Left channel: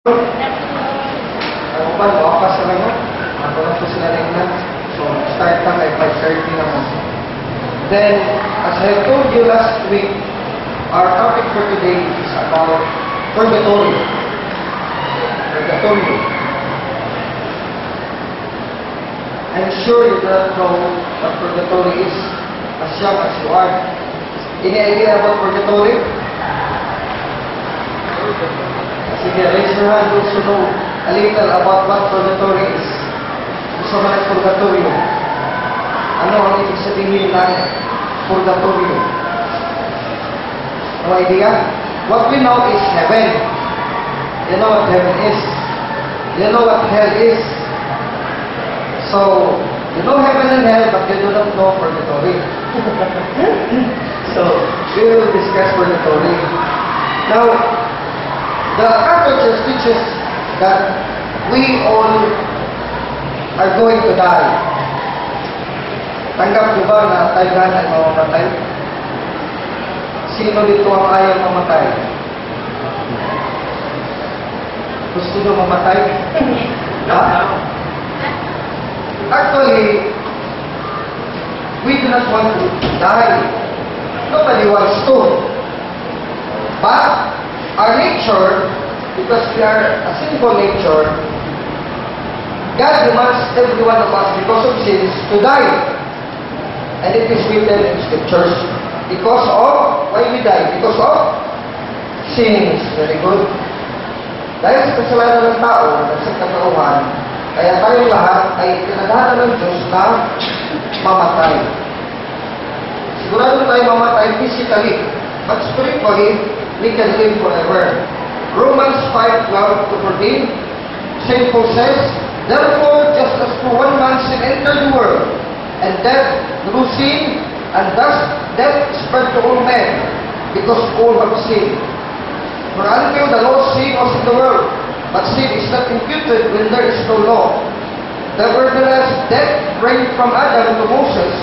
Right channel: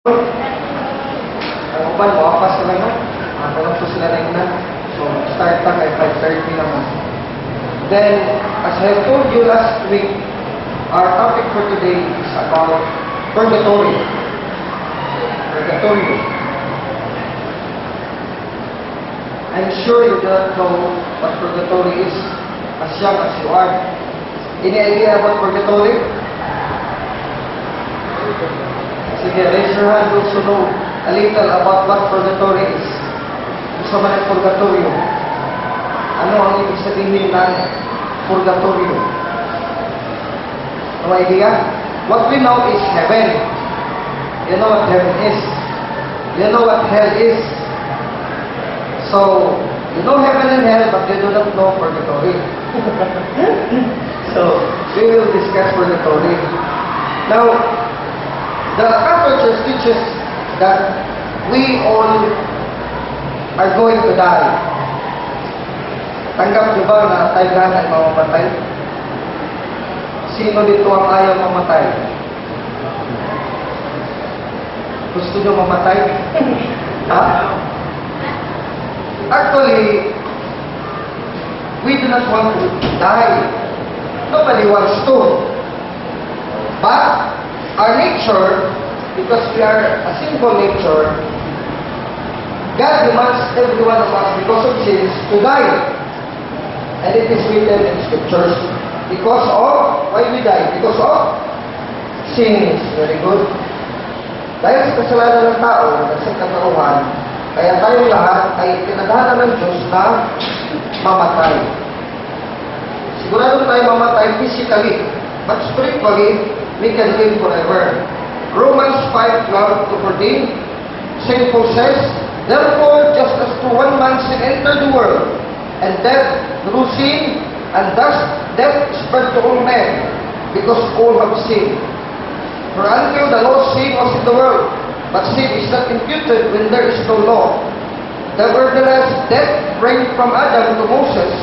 Ang uban, makapas na lang. Matulog po sila na ina. So, start na kay 5:30 naman. Then, as I told you last week, our topic for today is about purgatory. Purgatory. I'm sure you don't know what purgatory is as young as you are. Any idea about purgatory? Sige, raise your hand those who know a little about what purgatory is. Gusto man ang purgatorio. Ano ang ibig sabihin ng purgatorio? No idea? What we know is heaven. You know what heaven is. You know what hell is. So, you know heaven and hell, but you do not know purgatory. So, we will discuss purgatory. Now, the Catholic Church teaches that we all are going to die. Tanggap niyo ba na tayo lahat ay mamamatay? Sino dito ang ayaw mamatay? Gusto niyo mamatay? Ha? Actually, we do not want to die. Nobody wants to. But our nature, because we are a sinful nature, God demands every one of us, because of sins, to die. And it is written in Scriptures. Because of, why we die? Because of sins. Very good. Dahil sa kasalanan ng tao, sa katauhan, kaya tayong lahat ay tinadhana ng Diyos na mamatay. Sigurado tayo mamatay physically, but spiritually, we can live forever. Romans 5:12-14, St. Paul says, therefore, just as through one man sin entered the world, and death through sin, and thus death spread to all men, because all have sinned. For until the law sin was in the world, but sin is not imputed when there is no law. Nevertheless, death reigned from Adam to Moses,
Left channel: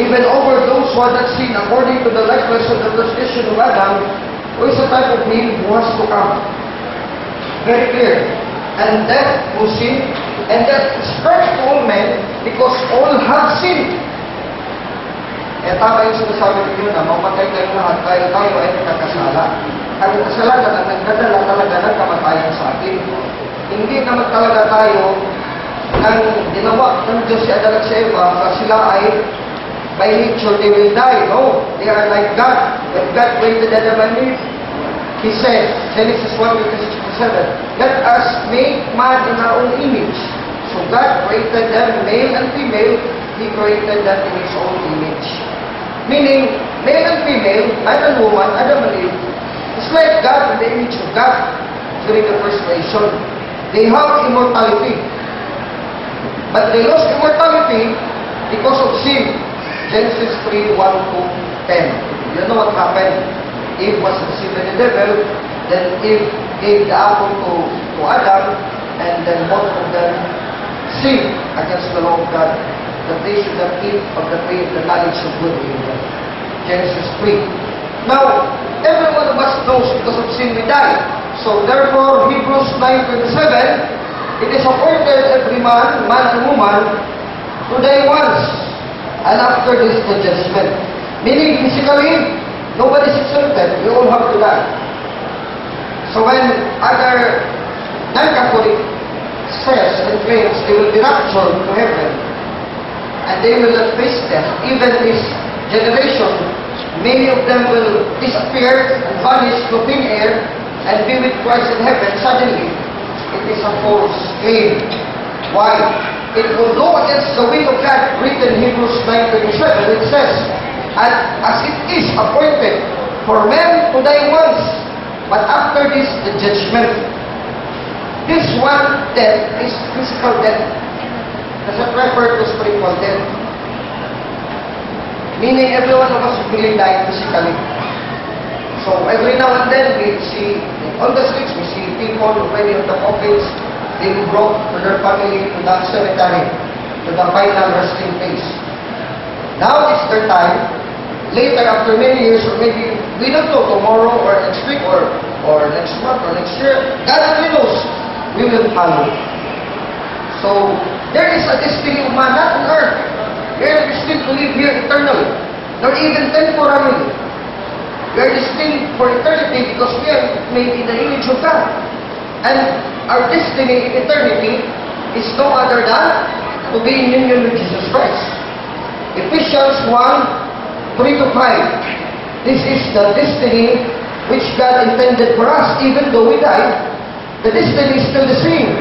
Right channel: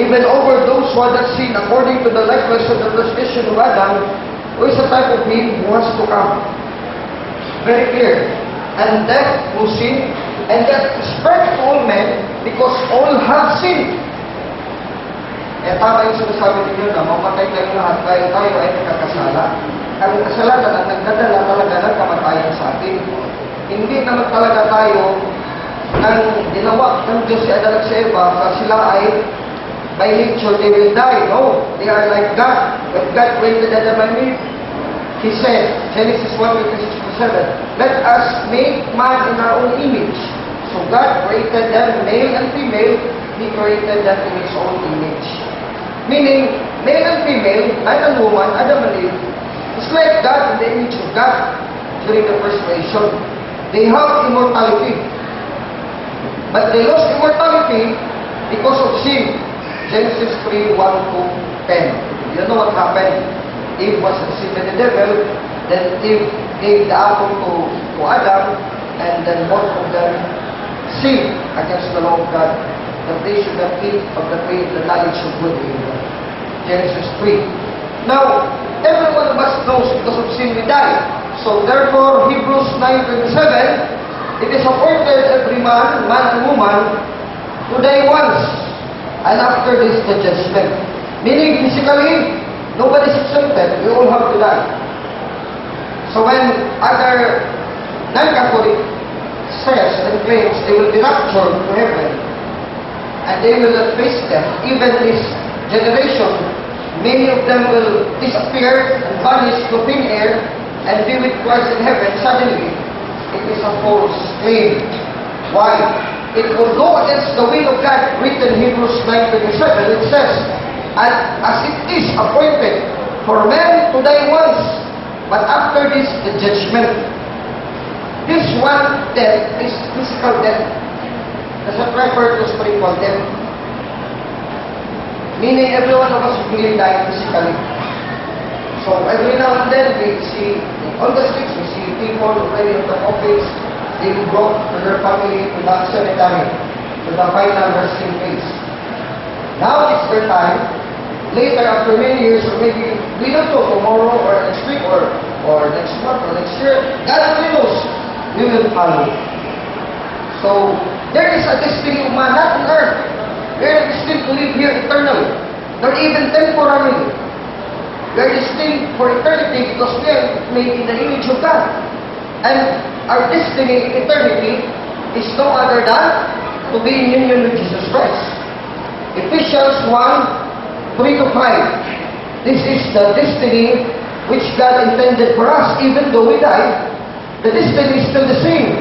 even over those who had not sinned, according to the likeness of the transgression of Adam, who is a type of him who has to come. Very clear. And death through sin, and death spread to all men, because all have sinned. Kaya tama yung sinasabi ninyo na mamatay tayong lahat, tayo ay nakakasala. Ang kasalanan ang nagdadala talaga ng kamatayan sa atin. Hindi naman talaga tayo ang ginawa ng Diyos si Adan at si Eva, kasi sila ay by nature they will die. No, they are like God. When God created Adam and Eve, He said, Genesis 1:26-27, let us make man in our own image. So God created them male and female. He created them in His own image. Meaning, male and female, man and woman, Adam and Eve, is like God in the image of God during the first creation. They have immortality. But they lost immortality because of sin. Genesis 3:1-10. You know what happened? Eve was deceived by the devil, then Eve gave the apple to Adam, and then both of them sinned against the law of God, that they should have eaten of the tree of the knowledge of good and evil. Genesis 3. Now, every one of us knows because of sin we die. So therefore, Hebrews 9:27, it is appointed every man and woman, to die once, and after this the judgment. Meaning, physically, nobody is exempted. We all have to die. So when other non-Catholic says and claims they will be raptured to heaven, and they will not face death, even this generation, many of them will disappear and vanish to thin air and be with Christ in heaven suddenly. It is a false claim. Why? It will go against the will of God, written in Hebrews 9:27. It says, and as it is appointed for men to die once, but after this the judgment. This one death is physical death. Does not refer to spiritual death. Meaning every one of us will die physically. So every now and then we see on the streets, we see people already on the coffins being brought to their family to the cemetery, to the final resting place. Now it's their time. Later, after many years, or maybe we don't know, tomorrow or next week or or next month, or next year, God only knows, we will follow. So, there is a destiny of man, not on earth. We are destined to live here eternally, nor even temporarily. We are destined for eternity because we are made in the image of God. And our destiny in eternity is no other than to be in union with Jesus Christ. Ephesians 1, 3-5. This is the destiny which God intended for us. Even though we die, the destiny is still the same.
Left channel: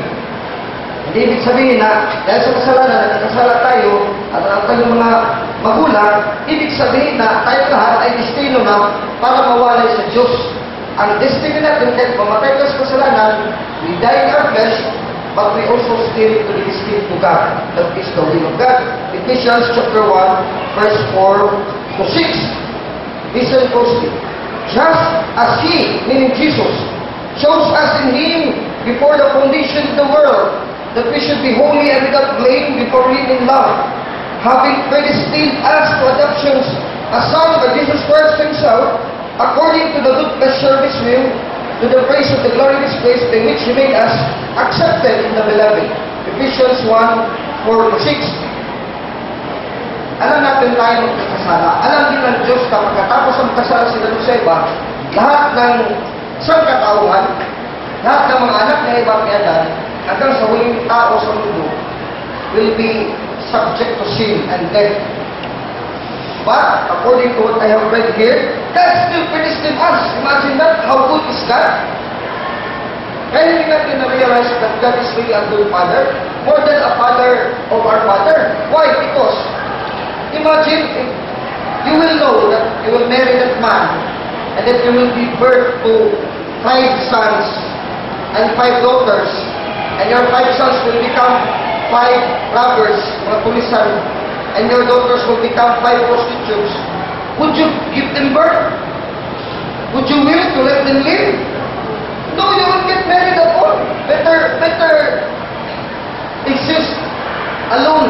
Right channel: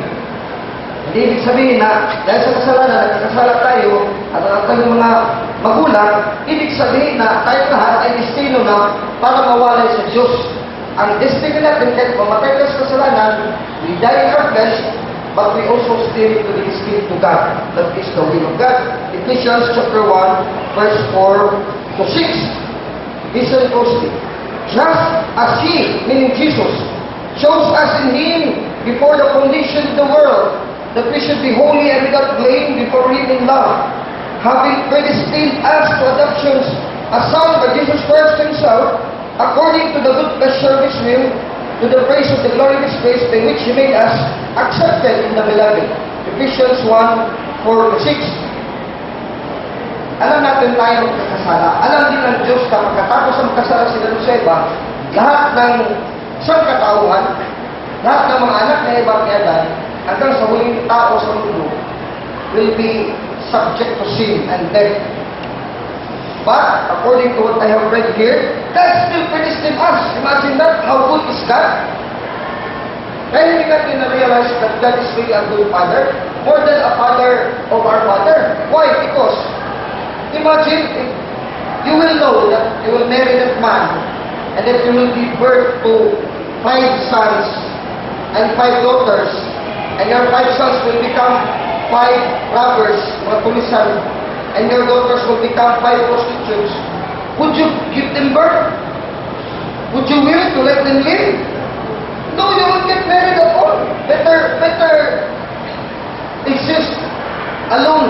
Hindi ibig sabihin na dahil sa kasalanan, nagkasala tayo at ang kanyang mga magulang, ibig sabihin na tayo lahat ay destino na para mawalay sa Diyos. Ang destiny natin, kahit mamatay ka sa kasalanan, we die in our flesh, but we also still to be destined to God. That is the will of God. Ephesians chapter 1, verse 4-6. Listen closely. Just as He, meaning Jesus, chose us in Him before the foundation of the world, that we should be holy and without blame before Him in love, having predestined us to adoptions as sons by Jesus Christ Himself, according to the good pleasure of His will, to the praise of the glory of His grace, by which He made us accepted in the Beloved. Ephesians 1:4-6. Alam natin tayo magkakasala. Alam din ng Diyos na pagkatapos ang kasala sila sa iba, lahat ng sangkatauhan, lahat ng mga anak na iba kay Adan, hanggang sa huling tao sa mundo, will be subject to sin and death. But, according to what I have read here, God still predestined us. Imagine that, how good is God? Kaya hindi natin na-realize that God is really a good Father, more than a Father of our Father. Why? Because, imagine, if you will know that you will marry that man, and that you will give birth to 5 sons and 5 daughters, and your 5 sons will become 5 robbers, mga pulisan, and your daughters will become 5 prostitutes. Would you give them birth? Would you will to let them live? No, you won't get married at all. Better exist alone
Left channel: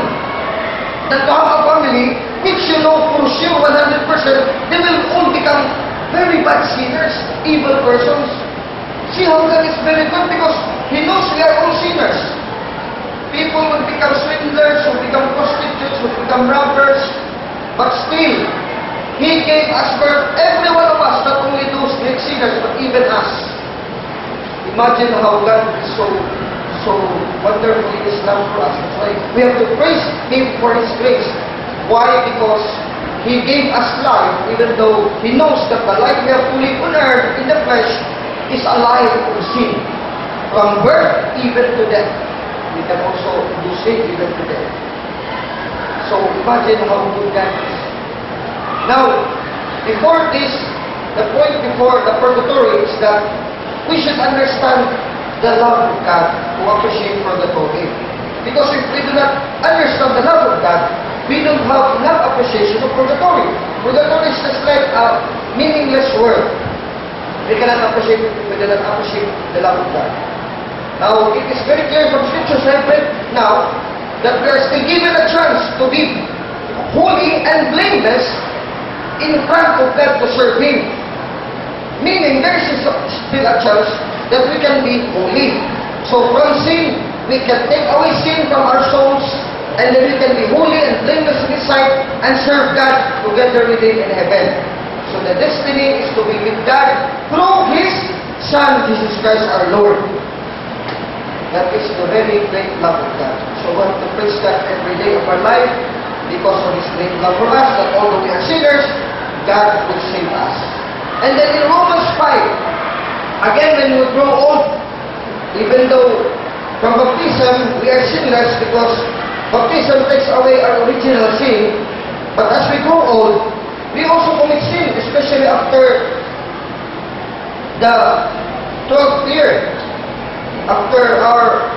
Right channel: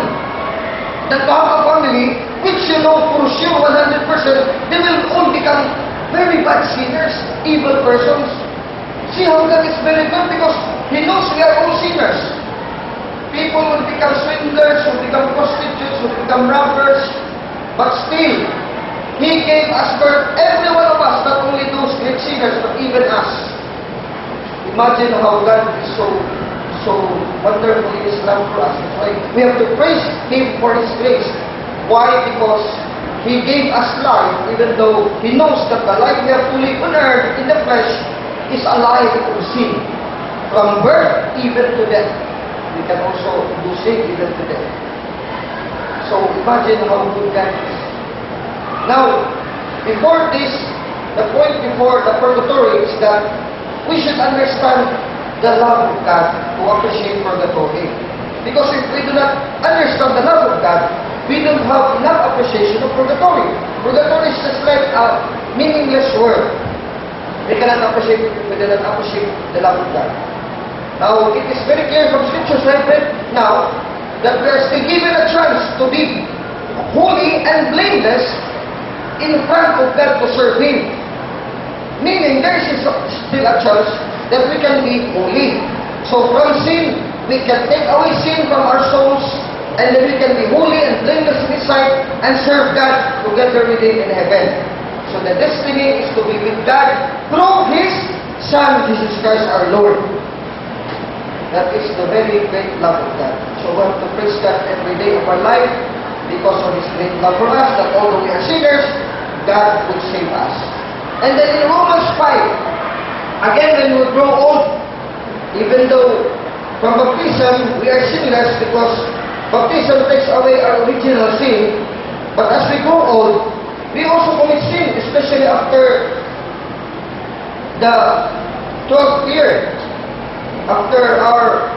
than to have a family which you know for sure 100% they will all become very bad sinners, evil persons. See how God is very good because He knows we are all sinners. People will become swindlers, will become prostitutes, will become robbers, but still, He gave us birth, every one of us, not only those great sinners, but even us. Imagine how God is so wonderful in His love for us. That's why we have to praise Him for His grace. Why? Because He gave us life, even though He knows that the life we have to live on earth in the flesh is a life of sin. From birth even to death. We can also do sin even to death. So imagine how good God is. Now, before this, the point before the purgatory is that we should understand the love of God to appreciate purgatory. Because if we do not understand the love of God, we don't have enough appreciation of purgatory. Purgatory is just like a meaningless word. We cannot appreciate the love of God. Now, it is very clear from scriptures I've read now that we are still given a chance to be holy and blameless in front of God to serve Him. Meaning, there is still a chance that we can be holy. So from sin, we can take away sin from our souls, and then we can be holy and blameless in His sight and serve God together with Him in heaven. So the destiny is to be with God through His Son, Jesus Christ our Lord. That is the very great love of God. So we have to praise God every day of our life because of His great love for us, that although we are sinners, God will save us. And then in Romans 5, again when we grow old, even though from baptism we are sinless because baptism takes away our original sin, but as we grow old, we also commit sin, especially after the 12th year. After our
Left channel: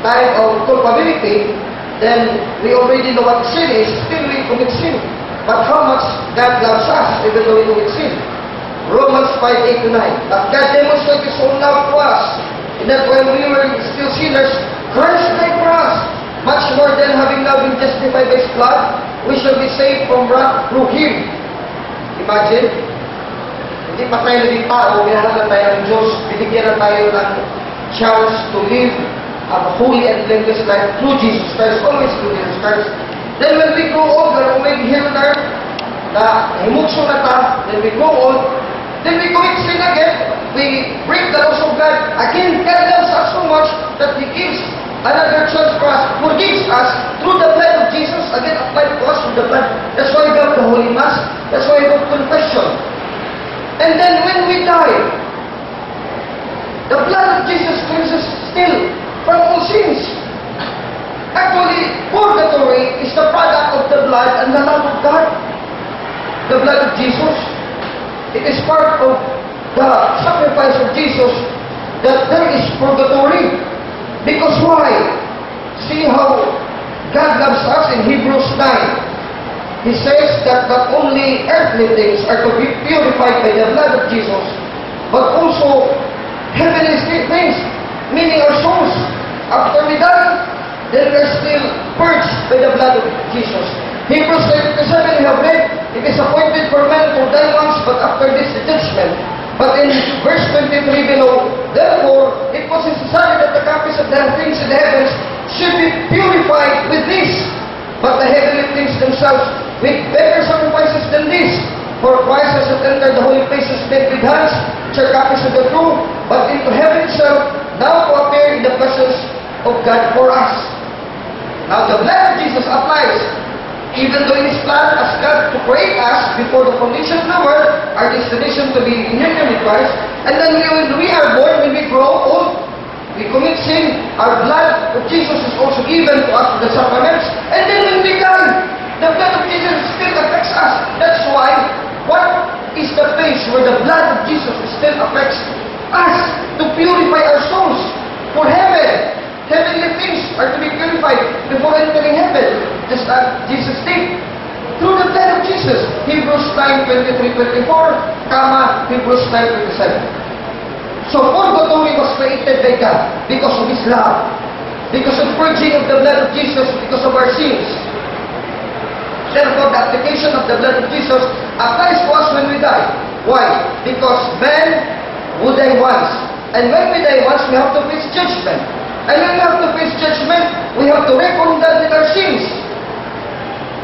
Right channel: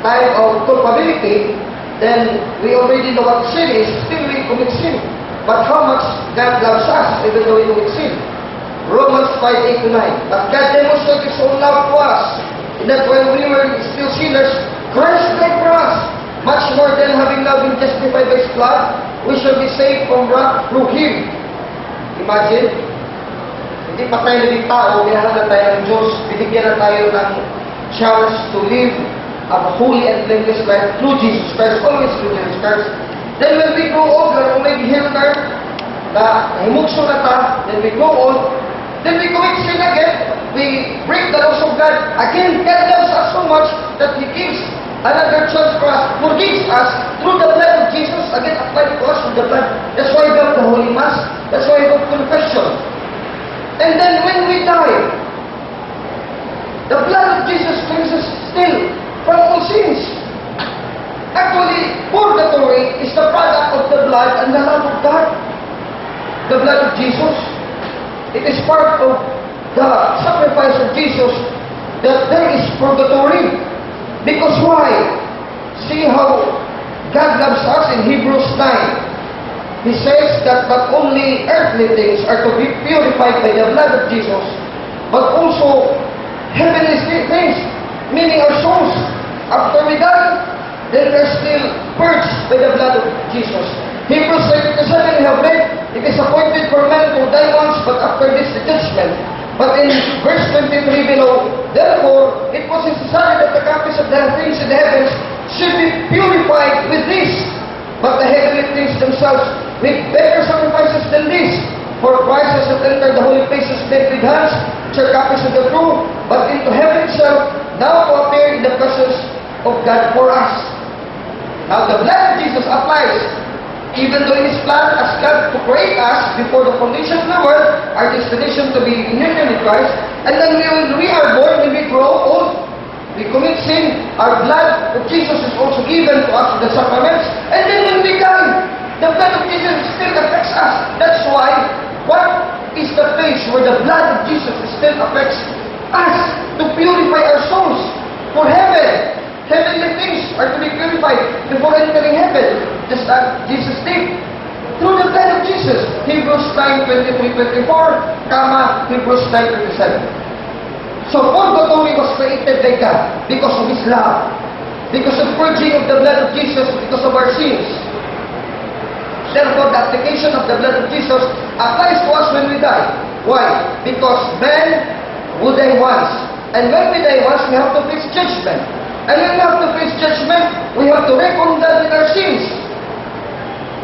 time of culpability, then we already know what sin is, still we commit sin. But how much God loves us, even though we commit sin. Romans 5:8-9. But God demonstrated His own love to us, in that when we were still sinners, Christ died for us. Much more than having now been justified by His blood, we shall be saved from wrath through Him. Imagine hindi pa tayo naging tao, minahal na tayo ng Diyos, binigyan na tayo ng chance to live a holy and blameless life through Jesus Christ, always through Jesus Christ. Then when we grow older, kung may here na himukso na ta, then we grow old, then we commit sin again, we break the laws of God. Again, God loves us so much that He gives another chance for us, forgives us through the blood of Jesus, again applied to us through the blood. That's why we have the Holy Mass, that's why we have confession. And then when we die, the blood of Jesus cleanses still from all sins. Actually, purgatory is the product of the blood and the love of God. The blood of Jesus. It is part of the sacrifice of Jesus that there is purgatory. Because why? See how God loves us in Hebrews 9. He says that not only earthly things are to be purified by the blood of Jesus, but also heavenly things, meaning our souls. After we die, then we are still purged by the blood of Jesus. Hebrews 9:27 we have read, it is appointed for men to die once, but after this the judgment. But in verse 23 below, therefore, it was necessary that the copies of the things in the heavens should be purified with this, but the heavenly things themselves with better sacrifices than this. For Christ has entered the holy places made with hands, which are copies of the true, but into heaven itself, now to appear in the presence of God for us. Now the blood of Jesus applies. Even though in His plan as God to create us before the foundation of the world, our destination to be in union with Christ, and then when we are born, when we grow old, we commit sin, our blood of Jesus is also given to us in the sacraments, and then when we die, the blood of Jesus still affects us. That's why, what is the place where the blood of Jesus still affects us to purify our souls for heaven? Heavenly things are to be purified before entering heaven, just as Jesus did. Through the blood of Jesus. Hebrews 9:23-24, Hebrews 9:27. So purgatory was created by God because of His love, because of purging of the blood of Jesus, because of our sins. Therefore, the application of the blood of Jesus applies to us when we die. Why? Because men will die once. And when we die once, we have to face judgment. And when we have to face judgment, we have to reckon that with our sins.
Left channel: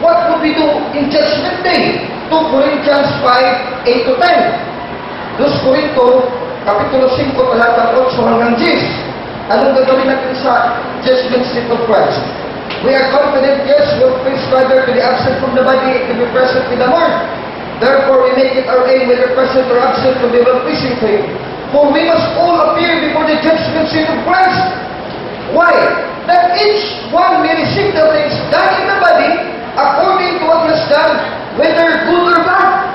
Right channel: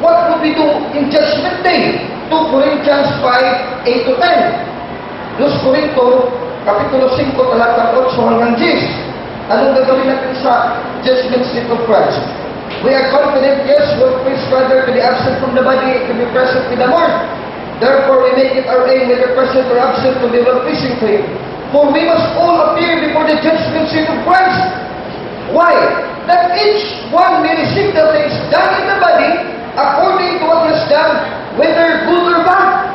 What would we do in Judgment Day? 2 Corinthians 5:8-10. 2 Corinto, Kapitulo 5, talatang 8 hanggang 10. Anong gagawin natin sa judgment seat of Christ? We are confident, yes, we'll face rather to be absent from the body to be present with the Lord. Therefore, we make it our aim, whether present or absent, to be well-pleasing to Him. For we must all appear before the judgment seat of Christ. Why? That each one may receive the things done in the body according to what he has done, whether good or bad.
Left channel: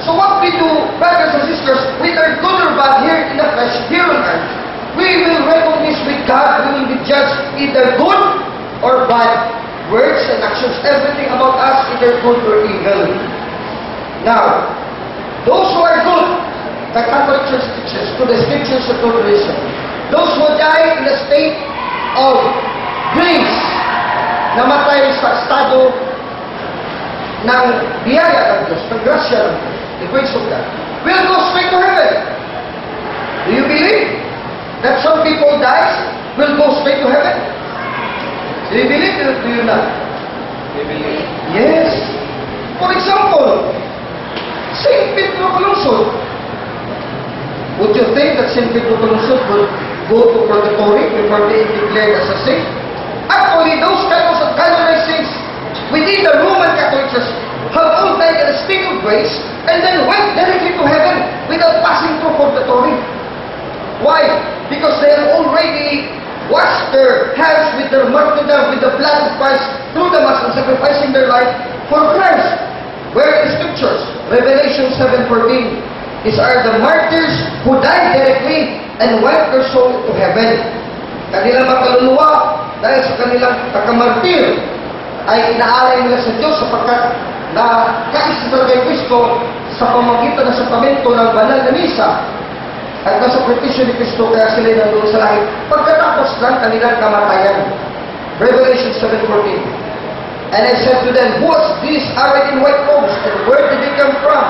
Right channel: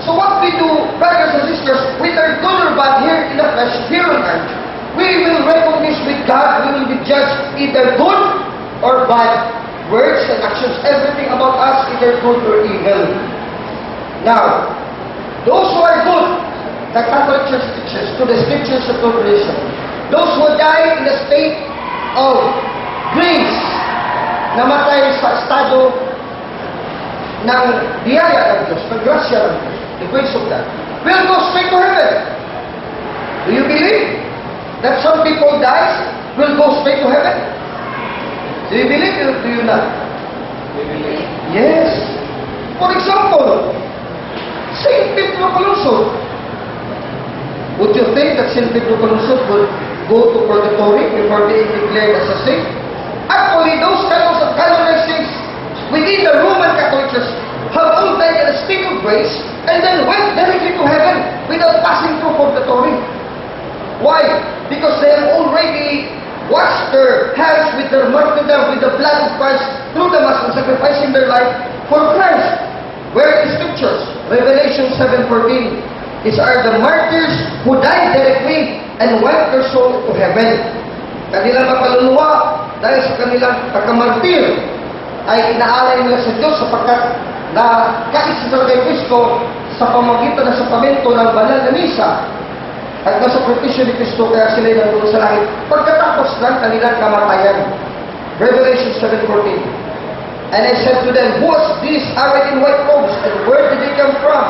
So what we do, brothers and sisters, whether good or bad here in the flesh, here on earth, we will recognize with God, we will be judged either good or bad. Words and actions, everything about us, either good or evil. Now, those who are good, the Catholic Church teaches, to the scriptures of tradition, those who die in the state of grace, namatay sa estado ng biyaya ng Diyos, ng grasya ng Diyos, the grace of God, will go straight to heaven. Do you believe that some people dies will go straight to heaven? Do you believe it or do you not? We believe. Yes. For example, Saint Pedro Calungsod. Would you think that Saint Pedro Calungsod would go to purgatory before being declared as a saint? Actually, those canons of canonized saints within the Roman Catholic Church have all died in a state of grace and then went directly to heaven without passing through purgatory. Why? Because they have already washed their hands with their martyrdom, with the blood of Christ through the Mass and sacrificing their life for Christ. Where in the Scriptures? Revelation 7:14. These are the martyrs who died directly and went their soul to heaven. Kanilang makaluluwa dahil sa kanilang pagkamartir ay inaalay nila sa Diyos sapagkat nakais sila kay Kristo sa pamagitan ng sakramento ng banal na misa at nasa sakripisyo ni Kristo kaya sila nandoon sa langit pagkatapos ng kanilang kamatayan. Revelation 7:14. And I said to them, who was these arrayed in white robes, and where did they come from?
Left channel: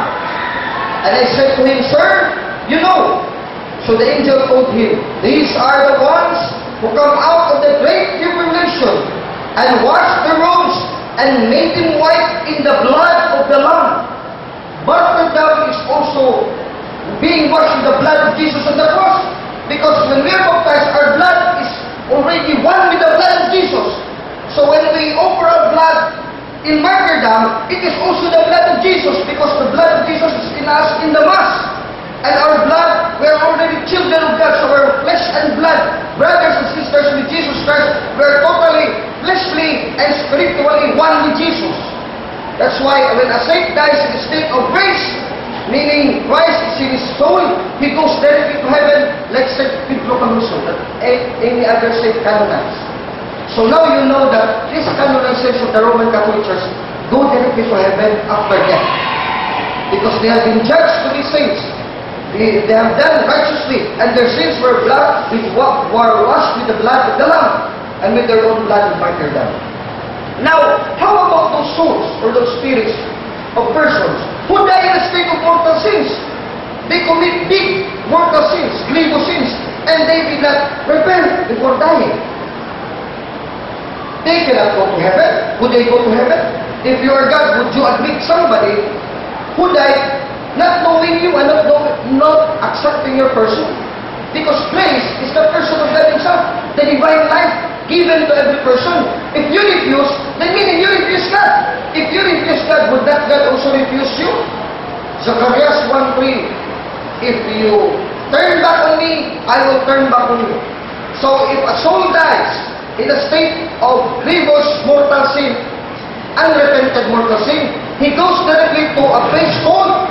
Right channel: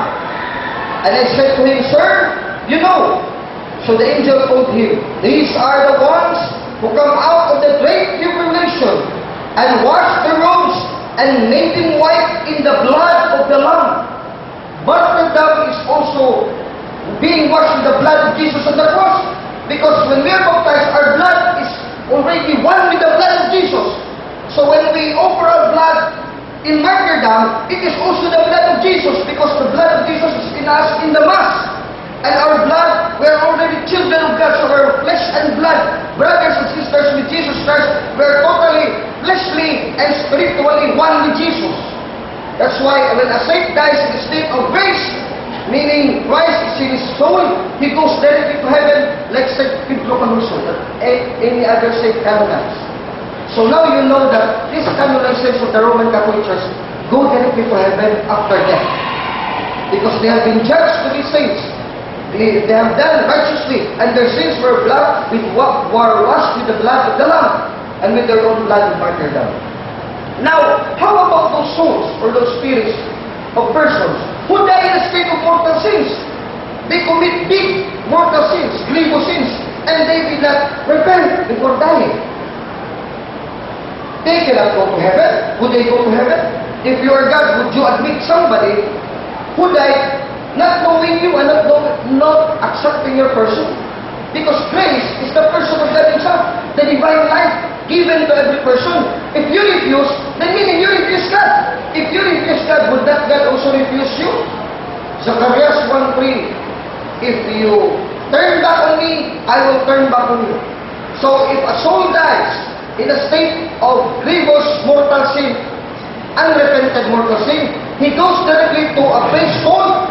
And I said to him, Sir, you know. So the angel told him, These are the ones who come out of the great tribulation and wash their robes and made them white in the blood of the Lamb. Martyrdom is also being washed in the blood of Jesus on the cross. Because when we are baptized, our blood is already one with the blood of Jesus. So when we offer our blood in martyrdom, it is also the blood of Jesus, because the blood of Jesus is in us in the Mass. And our blood, we are already children of God, so we are flesh and blood, brothers and sisters with Jesus Christ. We are totally fleshly and spiritually one with Jesus. That's why when a saint dies in the state of grace, meaning Christ is in his soul, he goes directly to heaven, like St. Pedro Canuso, that any other saint canonized. So now you know that this canonization of the Roman Catholic Church go directly to heaven after death. Because they have been judged to be saints. They have done righteously, and their sins were washed with the blood of the Lamb, and with their own blood of martyrdom. Now, how about those souls, or those spirits of persons who die in a state of mortal sins? They commit big mortal sins, grievous sins, and they did not repent before dying. They cannot go to heaven. Would they go to heaven? If you are God, would you admit somebody who died not knowing you and not accepting your person? Because grace is the person of God himself, the divine life given to every person. If you refuse, then meaning you refuse God. If you refuse God, would that God also refuse you? Zacharias 1:3, if you turn back on me, I will turn back on you. So if a soul dies in a state of grievous mortal sin, unrepented mortal sin, he goes directly to a place called,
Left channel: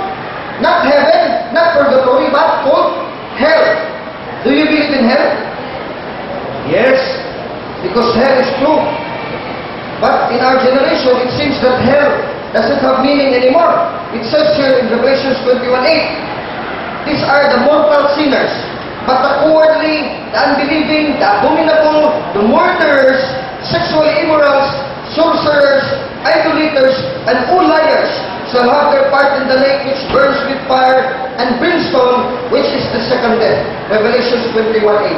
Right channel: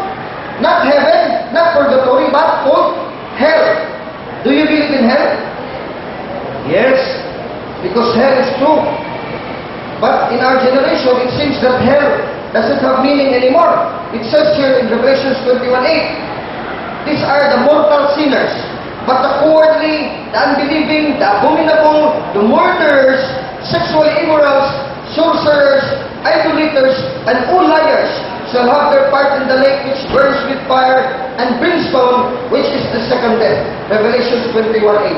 not heaven, not purgatory, but called hell. Do you believe in hell? Yes, because hell is true. But in our generation, it seems that hell doesn't have meaning anymore. It says here in Revelation 21:8, these are the mortal sinners. But the cowardly, the unbelieving, the abominable, the murderers, sexually immorals, sorcerers, idolaters, and all liars shall have their part in the lake which burns with fire and brimstone, which is the second death. Revelation 21:8.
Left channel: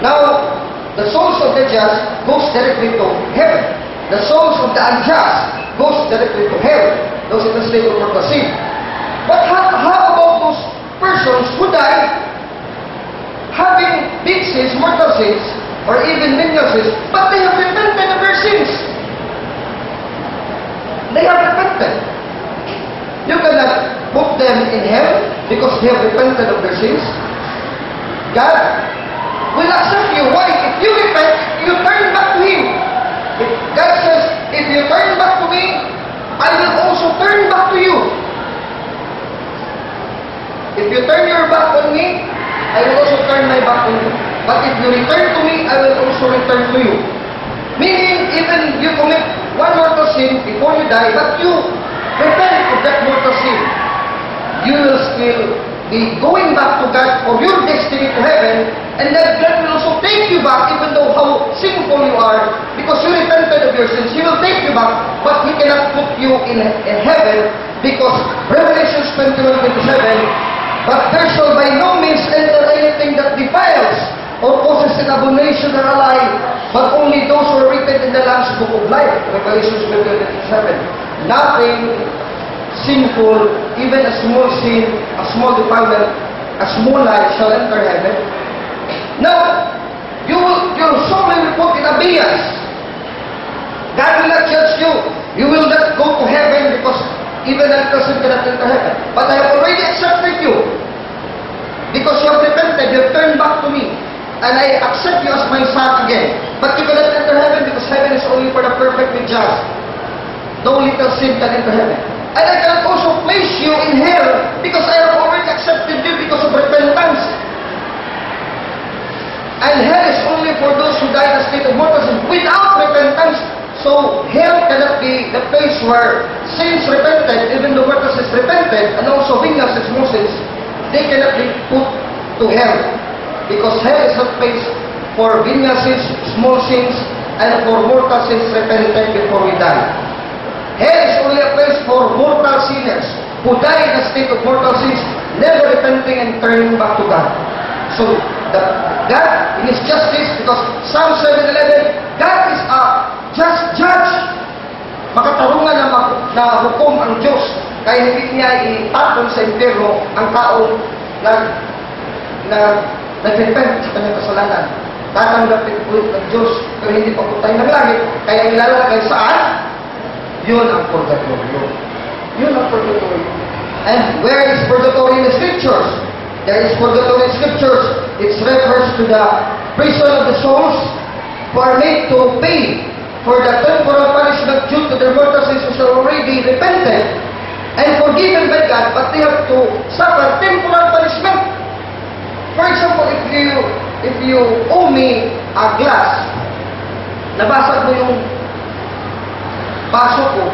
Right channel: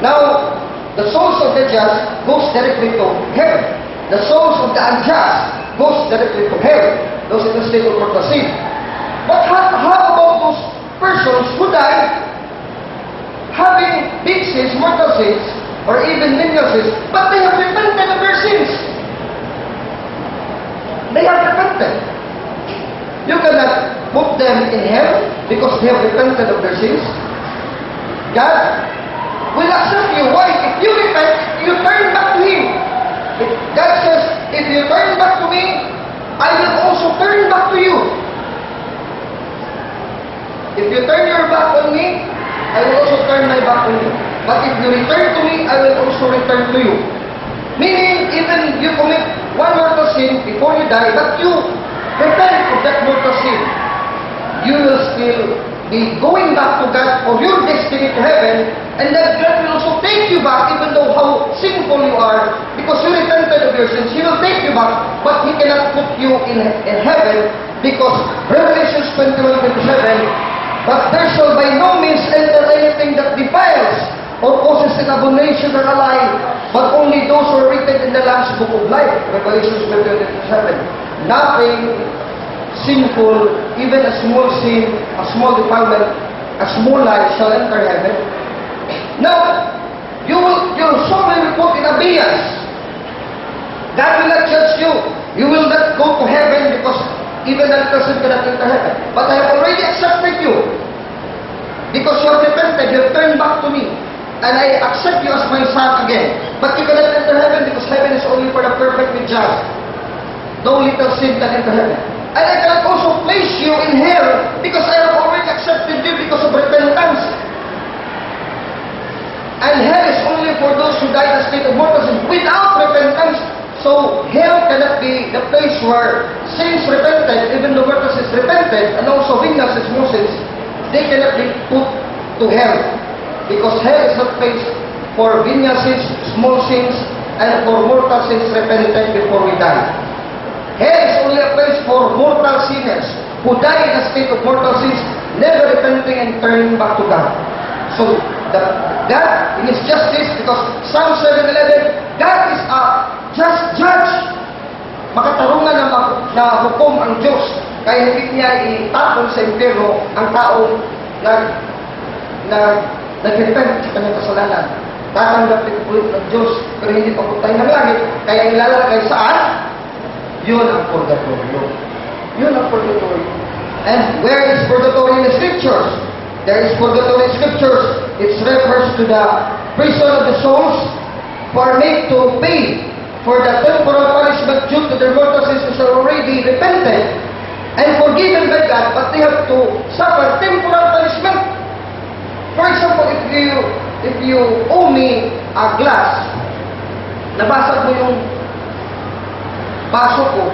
Now, the souls of the just goes directly to heaven. The souls of the unjust goes directly to hell. Those in the state of mortal sin. But how about those persons who die having big sins, mortal sins, or even venial sins, but they have repented of their sins? They have repented. You cannot put them in hell because they have repented of their sins. God will accept you. Why? If you repent, you turn back to Him. God says, if you turn back to me, I will also turn back to you. If you turn your back on me, I will also turn my back on you. But if you return to me, I will also return to you. Meaning, even you commit one mortal sin before you die, but you repent of that mortal sin, you will still be going back to God for your destiny to heaven, and that God will also take you back, even though how sinful you are, because you repented of your sins. He will take you back, but He cannot put you in heaven, because Revelation 21:27, but there shall by no means enter anything that defiles or causes an abomination or a lie, but only those who are written in the Lamb's book of life. Revelation 21:7. Nothing sinful, even a small sin, a small defilement, a small lie shall enter heaven. Now, your soul will be put in abeyance. God will not judge you. You will not go to heaven because even a person cannot enter heaven. But I have already accepted you because you have repented, you have turned back to me, and I accept you as my son again. But you cannot enter heaven because heaven is only for the perfectly just. No little sin can enter heaven. And I cannot also place you in hell because I have already accepted you because of repentance. And hell is only for those who die in a state of mortal sin without repentance. So hell cannot be the place where saints repented, even though mortal sins repented, and also venial sins, small sins, they cannot be put to hell. Because hell is not place for venial sins, small sins, and for mortal sins repented before we die. Hell is only a place for mortal sinners who die in a state of mortal sins, never repenting and turning back to God. So, God, in His justice, because Psalm 7:11, God is a just judge. Makatarungan na hukom ang Diyos, kaya hindi niya itapon sa impyerno ang taong nag-repent sa kanyang kasalanan. Tatanggapin ulit ng Diyos, pero hindi papuntay ng langit, kaya ilalagay saan? Yun ang purgatorio. Yun ang purgatorio. And where is purgatory in the Scriptures? There is purgatory in Scriptures. It refers to the prison of the souls who are made to pay for the temporal punishment due to their mortal sins, which are already repented and forgiven by God, but they have to suffer temporal punishment. For example, if you owe me a glass, nabasag mo yung baso ko,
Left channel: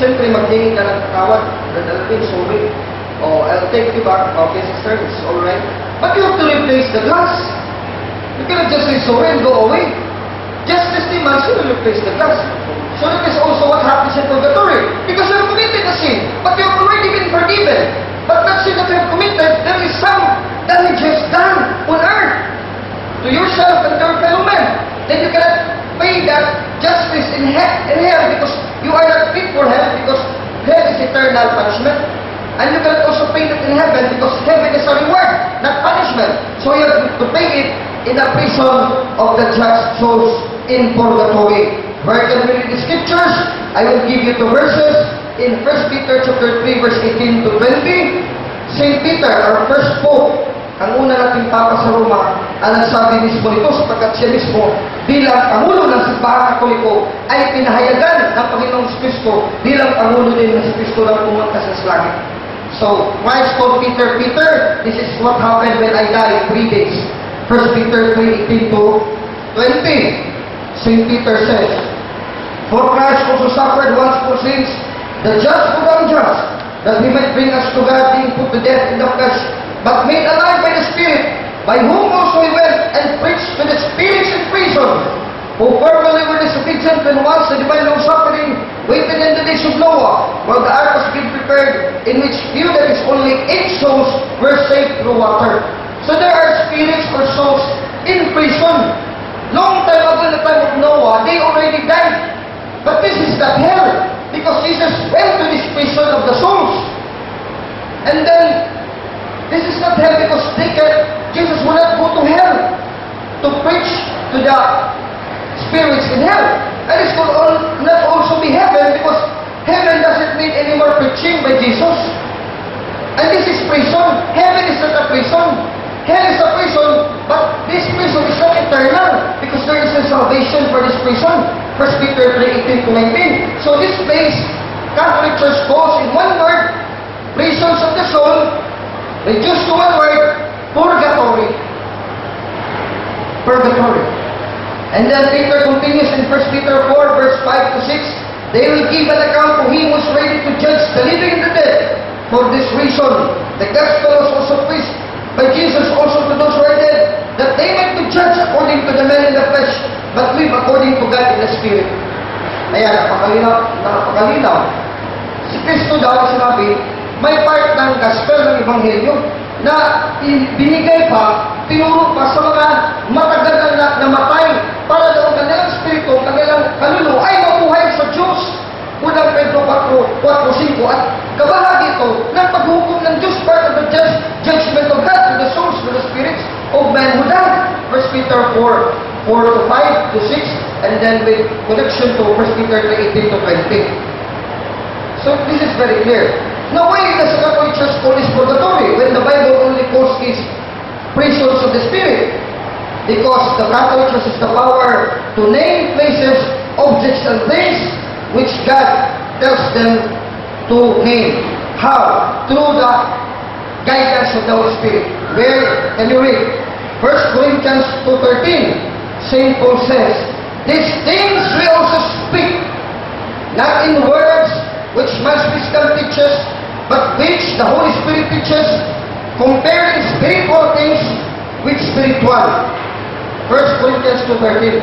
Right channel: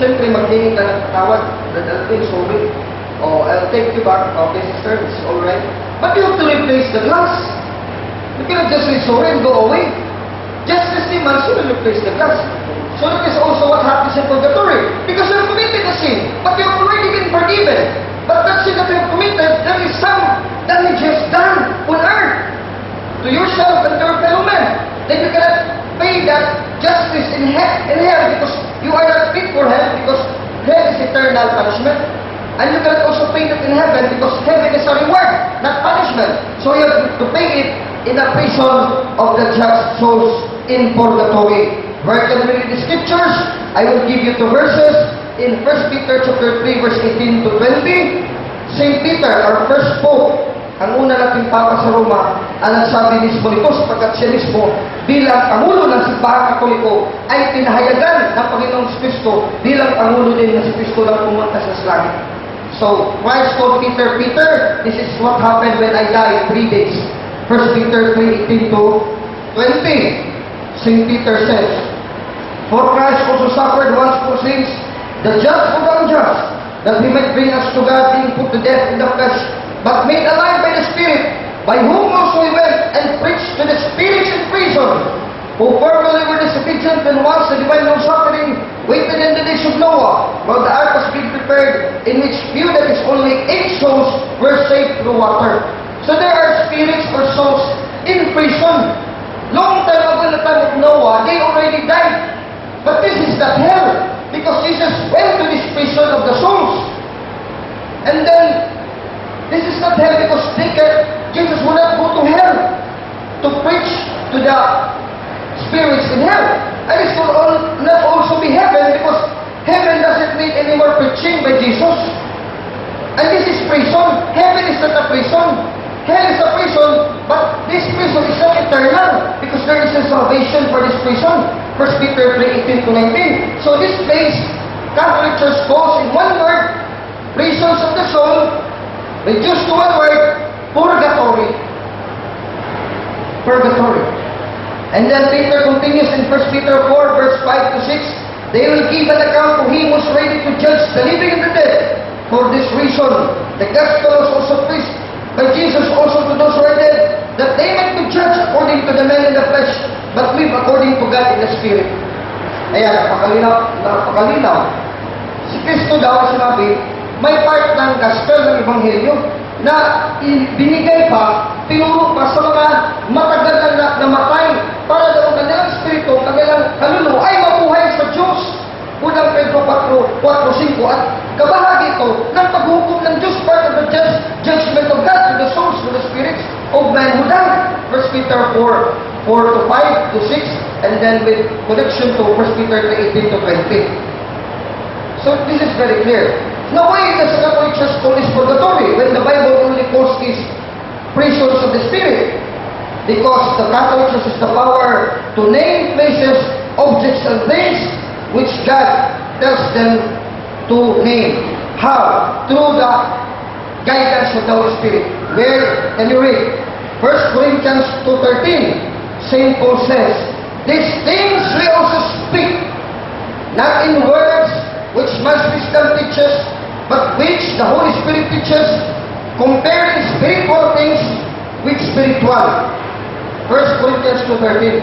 siyempre maghingi ka ng tawad, dadalhin, sorry, I'll take you back, okay sister, it's alright. But you have to replace the glass. You cannot just say sorry and go away. Justice demands you to replace the glass. So that is also what happens in purgatory. Because you have committed a sin, but you have already been forgiven. But that sin that you have committed, there is some damages done on earth to yourself and to your fellow men. Then you cannot pay that justice in hell because you are not fit for hell, because hell is eternal punishment. And you cannot also pay that in heaven because heaven is a reward, not punishment. So you have to pay it in the prison of the just souls in purgatory. Where can we read the Scriptures? I will give you 2 verses. In 1 Peter chapter 3, verse 18 to 20, St. Peter, our first Pope, ang una nating Papa sa Roma, ang nagsabi mismo nito sapagkat siya mismo bilang Pangulo ng Simbahang Katoliko ay pinahayagan ng Panginoong Kristo bilang Pangulo din ng Kristo na pumunta sa langit. So, Christ told Peter, Peter, this is what happened when I die in 3 days. 1 Peter 3:18 to 20. St. Peter says, for Christ also suffered once for sins, the just for the unjust, that He might bring us to God, being put to death in the flesh, but made alive by the Spirit, by whom also He went and preached to the spirits in prison, who formerly were disobedient when once the divine long-suffering waited in the days of Noah, while the ark was being prepared, in which few, that is only 8 souls, were saved through water. So there are spirits or souls in prison. Long time ago, in the time of Noah, they already died. But this is not hell, because Jesus went to this prison of the souls. And then, this is not hell because Jesus will not go to hell to preach to the spirits in hell. And it will not also be heaven because heaven doesn't need any more preaching by Jesus. And this is prison. Heaven is not a prison. Hell is a prison, but this prison is not eternal because there is a salvation for this prison. 1 Peter 3:18 to 19. So this place, Catholic Church calls in one word, prisons of the soul, reduced to one word, purgatory. Purgatory. And then Peter continues in 1 Peter 4, verse 5 to 6, they will give an account to Him who is ready to judge the living and the dead. For this reason, the gospel was also preached by Jesus also to those who are dead, that they might be judged according to the man in the flesh, but live according to God in the Spirit. Ayan, napakalinaw. Si Kristo daw sinabi, may part ng gospel ng Ebanghelyo na binigay pa, tinuro pa sa mga matagal na namatay para daw ang kanilang spirito, kanilang kaluluwa ay mabuhay sa Diyos. Unang Pedro 4:5 at kabahagi ito ng paghukom ng Diyos, part of the judgment of God to the souls, to the spirits of men who died. 1 Peter 4:4 to 5 to 6, and then with connection to 1 Peter 3:18 to 20. So this is very clear. Now why does the Catholic Church call this purgatory when the Bible only calls these prisons of the Spirit? Because the Catholic Church has the power to name places, objects, and things which God tells them to name. How? Through the guidance of the Holy Spirit. Where can you read? 1 Corinthians 2:13. St. Paul says, these things we also speak, not in words which man's wisdom teaches, but which the Holy Spirit teaches, comparing spiritual things with spiritual. 1 Corinthians 2:13.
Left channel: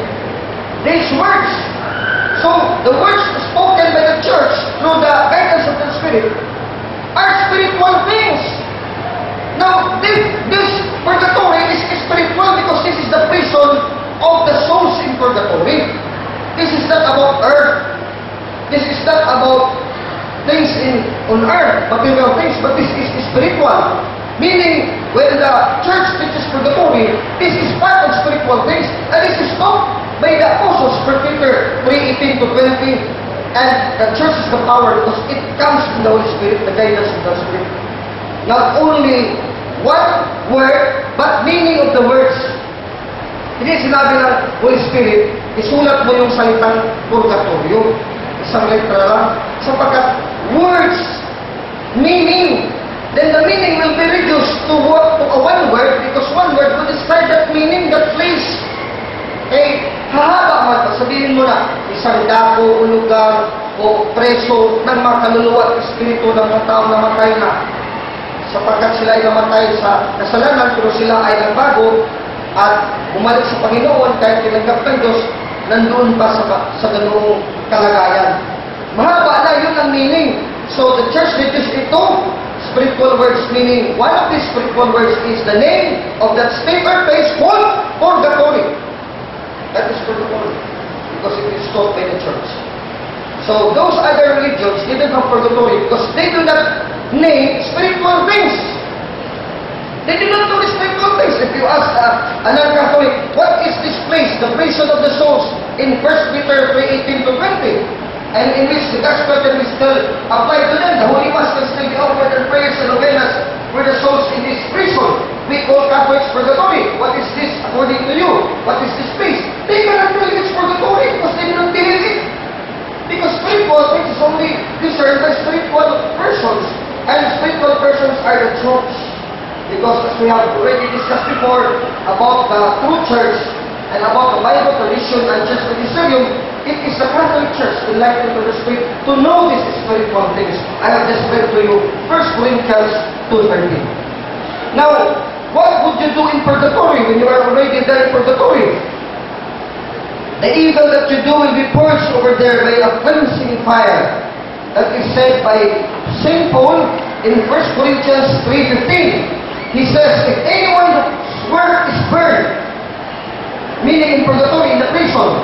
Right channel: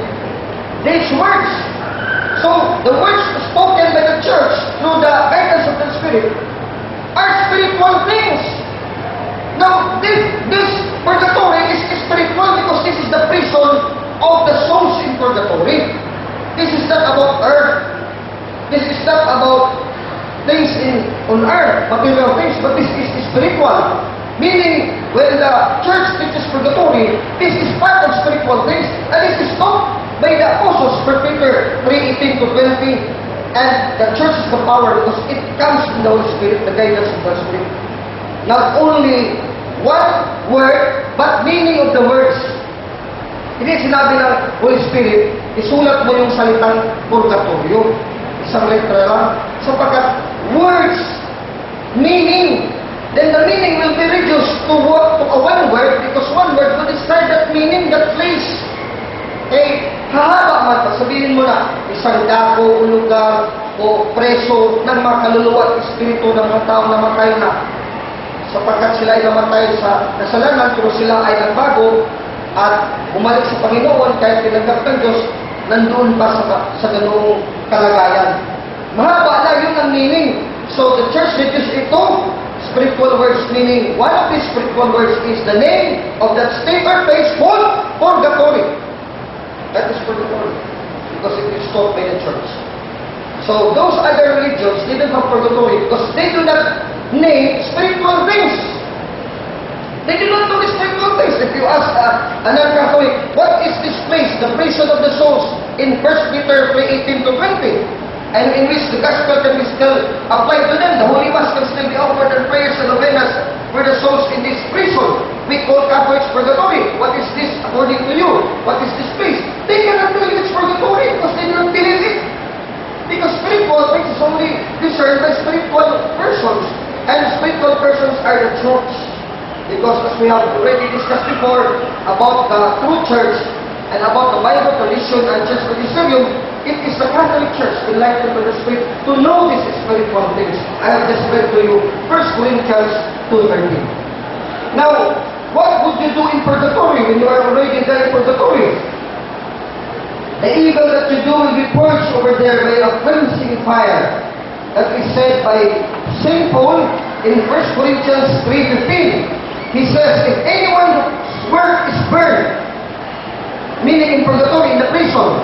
These words, So, the words spoken by the church through the guidance of the Spirit are spiritual things. Now, this purgatory is spiritual because this is the prison of the souls in purgatory. This is not about earth. This is not about things on earth, material things, but this is spiritual. Meaning, when the church teaches purgatory, this is part of spiritual things, and this is taught by the apostles, 1 Peter 3:18 to 20, and the church is the power because it comes from the Holy Spirit, the guidance of the Spirit. Not only one word, but meaning of the words. Hindi sinabi ng Holy Spirit, isulat mo yung salitang purgatorio. Isang letra lang. Sapagkat words, meaning, then the meaning will be reduced to a one word because one word will describe that meaning, that place. Eh, hahaba man pa, sabihin mo na, isang dako o lugar o preso ng mga kaluluwa at espiritu ng mga tao na matay na. Sapagkat sila ay namatay sa kasalanan, pero sila ay nagbago at bumalik sa Panginoon kahit tinanggap ng Diyos, nandoon pa sa ganoong kalagayan. Mahaba na yun ang meaning. So the church reduced it to spiritual words, meaning one of these spiritual words is the name of that state or place called purgatory. That is purgatory because it is taught by the church. So those other religions didn't have purgatory because they do not name spiritual things. They do not know the spiritual things. If you ask a non-Catholic, what is this place, the prison of the souls, in 1 Peter 3:18 to 20, and in which the gospel can be still applied to them, the Holy Mass can still be offered and prayers and novenas for the souls in this prison. We call Catholics purgatory. What is this according to you? What is this place? They cannot tell you it's purgatory because they do not believe it. Because spiritual things is only discerned by spiritual persons, and spiritual persons are the church. Because as we have already discussed before about the true church and about the Bible tradition and church magisterium, it is the Catholic Church enlightened by the Spirit to know these spiritual things. I have just read to you 1 Corinthians 2:13. Now, what would you do in purgatory when you are already there in purgatory? The evil that you do will be purged over there by a cleansing fire. That is said by St. Paul in 1 Corinthians 3:15. He says, if anyone's work is burned, meaning in purgatory, in the prison,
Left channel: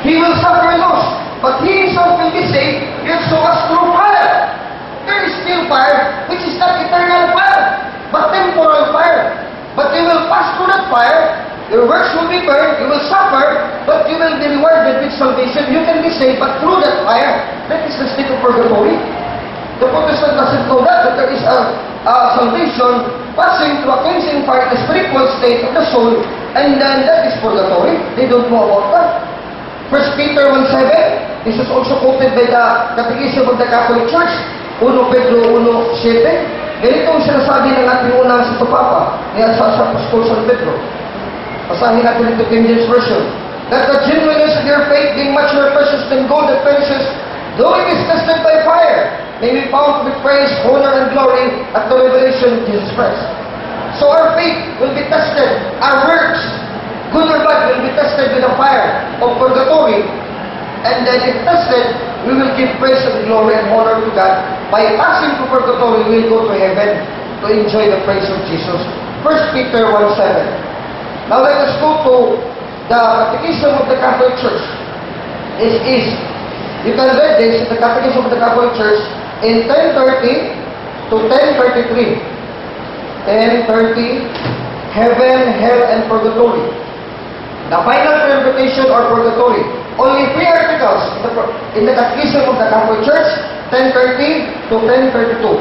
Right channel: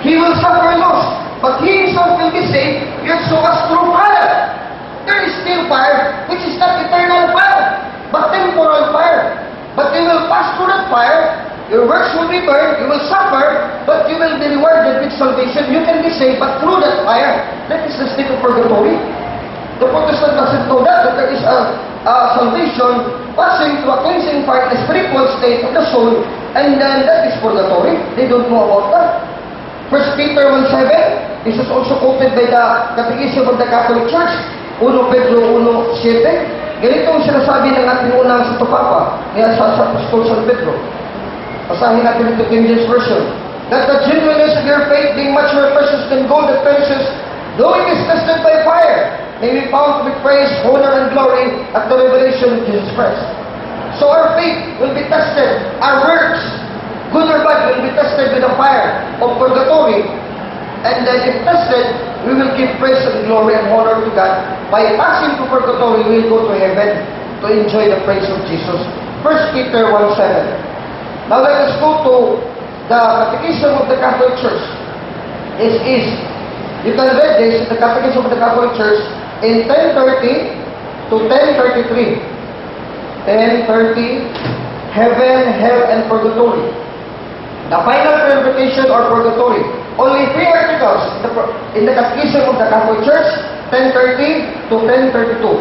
he will suffer loss, but he himself will be saved, yet so as through fire. There is still fire, which is not eternal fire, but temporal fire. But you will pass through that fire, your works will be burned, you will suffer, but you will be rewarded with salvation. You can be saved, but through that fire. That is the state of purgatory. The Protestant doesn't know that there is a salvation passing through a cleansing fire, the spiritual state of the soul, and then that is purgatory. They don't know about that. 1 Peter 1:7, this is also quoted by the Catechism of the Catholic Church, 1 Pedro 1:7. Ganito ang sinasabi ng ating unang Santo Papa, ni sa Apostol San Pedro. Basahin natin ito King James Version. That the genuineness of your faith, being much more precious than gold that perishes, though it is tested by fire, may be found to be praise, honor, and glory at the revelation of Jesus Christ. So our faith will be tested. Our works, good or bad, will be tested with the fire of purgatory. And then if tested, we will give praise and glory and honor to God. By passing through purgatory, we will go to heaven to enjoy the praise of Jesus. 1 Peter 1:7. Now let us go to the Catechism of the Catholic Church. This is, you can read this in the Catechism of the Catholic Church in 1030 to 1033. 1030, Heaven, Hell, and Purgatory. The final purification or purgatory. Only 3 articles in the Catechism of the Catholic Church, 1030 to 1032.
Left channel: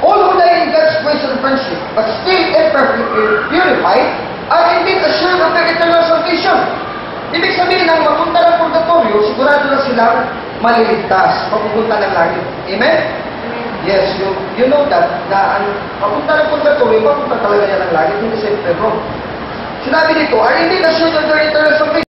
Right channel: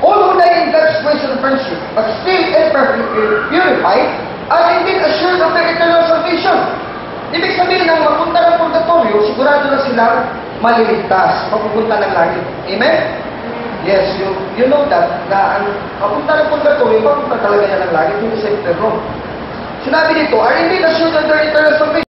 All who die in God's grace and friendship, but still imperfectly purified, are indeed assured of their eternal salvation. Ibig sabihin ng mapunta ng purgatorio, sigurado na silang maliligtas, mapupunta ng langit. Amen? Yes, you know that, na ang mapunta ng purgatorio, mapunta talaga niya ng langit, hindi sa Pedro. Sinabi dito, are indeed assured of their eternal salvation.